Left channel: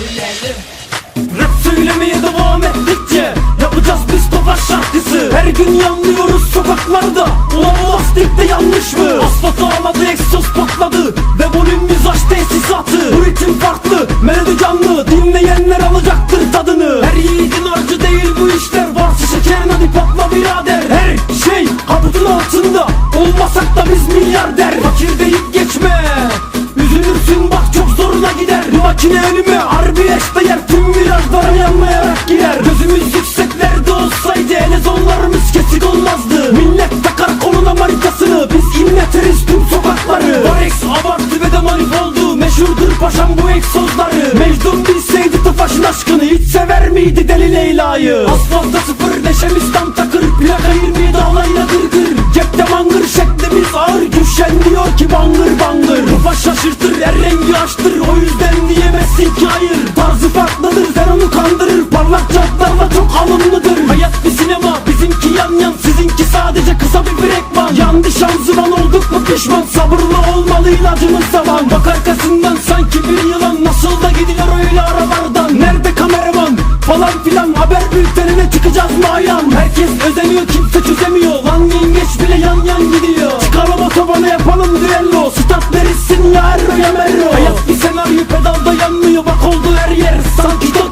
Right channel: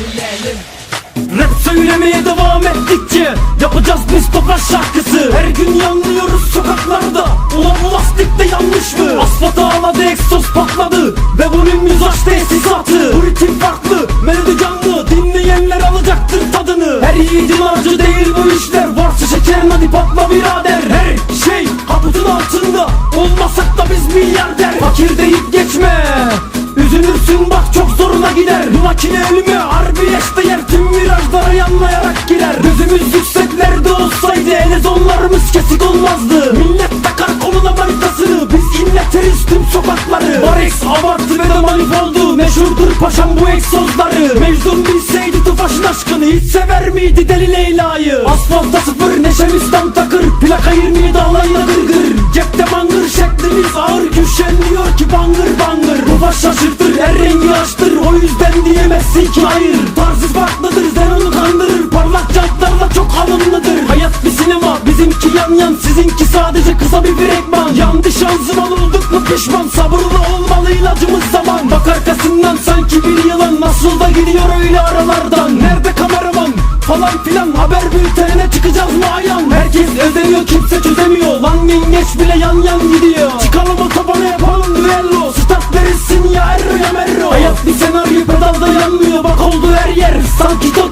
bilelim Rap söylemeye devam ettikçe Yapacağız biz topaç şarkısı. Her gün yanlıyoruz sokaklarda. Ulan bu lastikte yanlış mı? Asfalt ağladı egzoz patladı Ve volüm yüz aç tesisatı. Bu ritim farklı melodi canlı Dinleyenler alacaktır tadını. Her yiğidin harcı değil bu işler. Varsa şekerin hadi patla birader. Her şey kaputun altında. Olmasak da biz milyarder. Fakir deyip Olmazdı Millet takar koluna markasını Biz inleteriz tüm sokakları. Varex abartı ve de manifoldu. Meşhurdur paşam bu egzozları Mecnun bilseydi Tufaş'ın aşkını Hiç sever miydi deli Leyla'yı? Asfalta sıfır neşemiz tam takır. Plaka 27 alayına gırgır. Cepte mangır şeklimiz ağır. Güçlenmiyor ki bangır bangır. Tufaş şaşırtır her rengi açtır. O yüzden diyemezsin ki hayır. Tarzı farklıdır Sizinki sadece kısa bir fragman. Yandı şanzıman olduk mu pişman. Sabırlı olmalı ilacımız zaman Bak arkasından sanki bir yılan. Nasıl da gidiyor öyle aralardan? Nerede kameraman? Falan filan. Haber bültenine çıkacağız mı ayan Herkes özeniyor kimse çözemiyor. Lan yengeç bile yan yan gidiyor. Çıkalım otobana yapalım düello. Stat verirsin ya erro ya merro. Hayat bir senaryo pedalda yanmıyor. Bak oldu her yer. Sanki Tokyo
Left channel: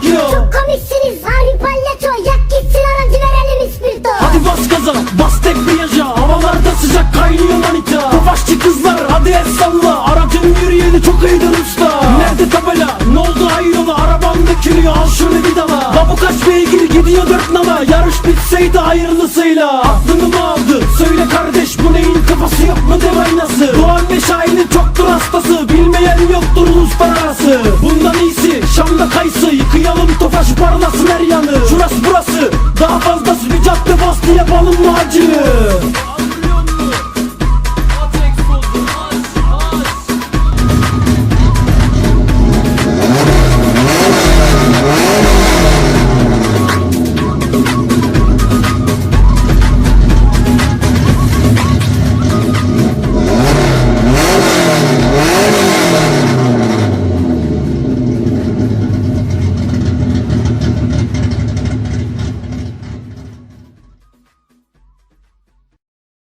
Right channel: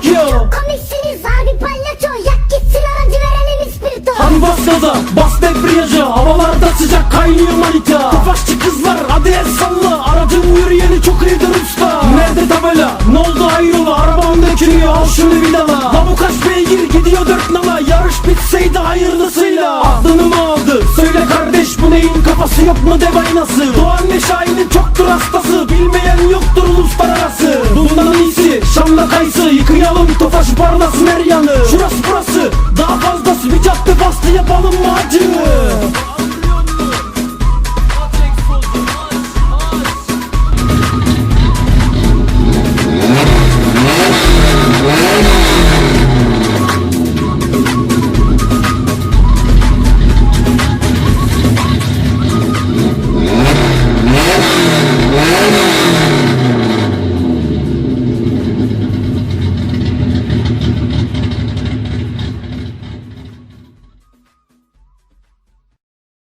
Dökülüyor al şunu bir dala. La bu kaç beygir gidiyor dört nala. Yarış bitseydi hayırlısıyla. Aklını mı aldı, söyle kardeş bu neyin kafası yok mu dev aynası Doğan ve Şahin'in çoktur hastası. Bilmeyen yoktur uluslararası Bundan iyisi Şam'la kayısı. Yıkayalım tofaş parlasın her yanı. Şurası burası daha fazlası. Bir cadde bastı yapalım mı acını